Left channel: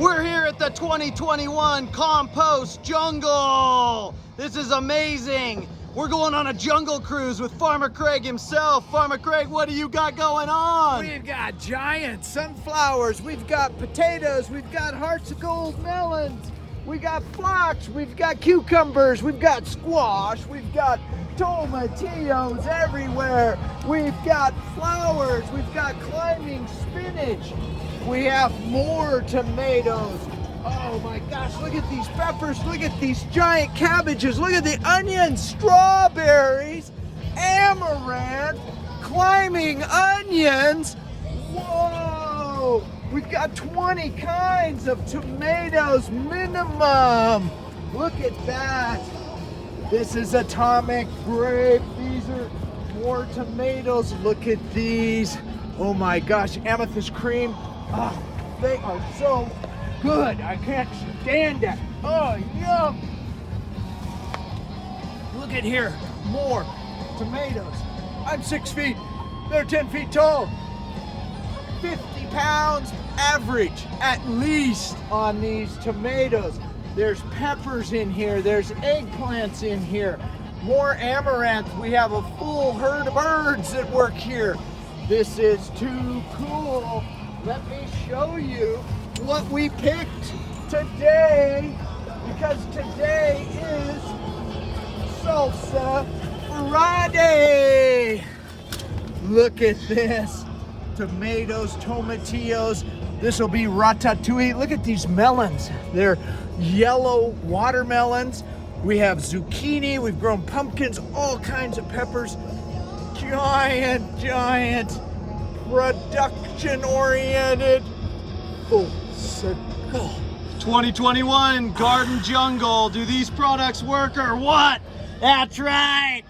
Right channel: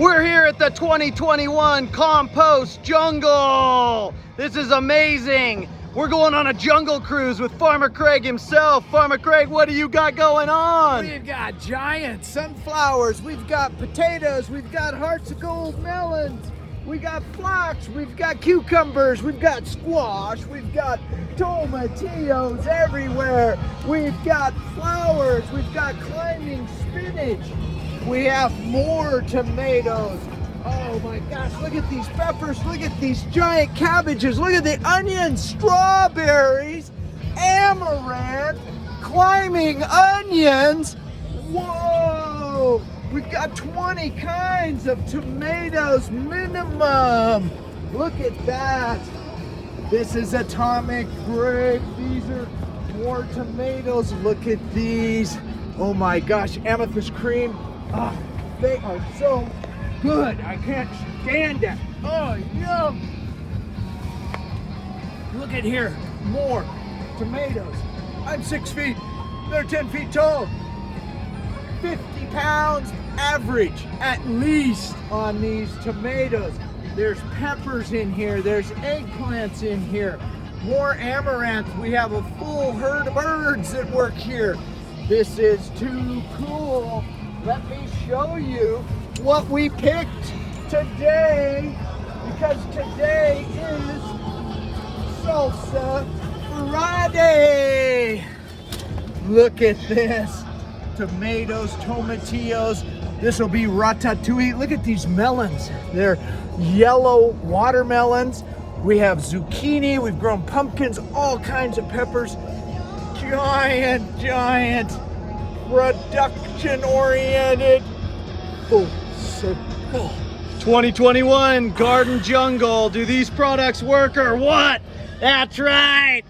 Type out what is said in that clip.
We're here at the 2021 Compost Jungle. This is amazing. We're going on a jungle cruise with Farmer Craig himself. Farmer Craig, what do you got going on? We've got giant sunflowers, we've got potatoes, we've got hearts of gold melons, we got flax, we've got cucumbers, we've got squash, we've got tomatillos everywhere, we've got flowers, we've got climbing spinach, we have more tomatoes. Oh my gosh, look at these peppers, look at these giant cabbages, look at the onions, strawberries, amaranth, climbing onions. Whoa! We've got 20 kinds of tomatoes minimum. Look at that. This is atomic grape. These are more tomatoes. Look at these. Oh my gosh, amethyst cream. Ah, they are so good. I can't stand that. Oh, yum. Look at here, more tomatoes. I'm 6 feet, they're 10 feet tall. 50 pounds average, at least, on these tomatoes. There's peppers in here, there's eggplants in here, more amaranth. We have a full herd of birds that work here. This is too cool. Let me show you what we picked today, because today is Salsa Friday. Look at this. Tomatoes, tomatillos. This will be ratatouille. Look at these melons. They're yellow watermelons. We have zucchini. We've grown pumpkins, all kinds of peppers. Giant, production-oriented. Oh, circle. 2021 Garden Jungle. Do these products work or what? That's right.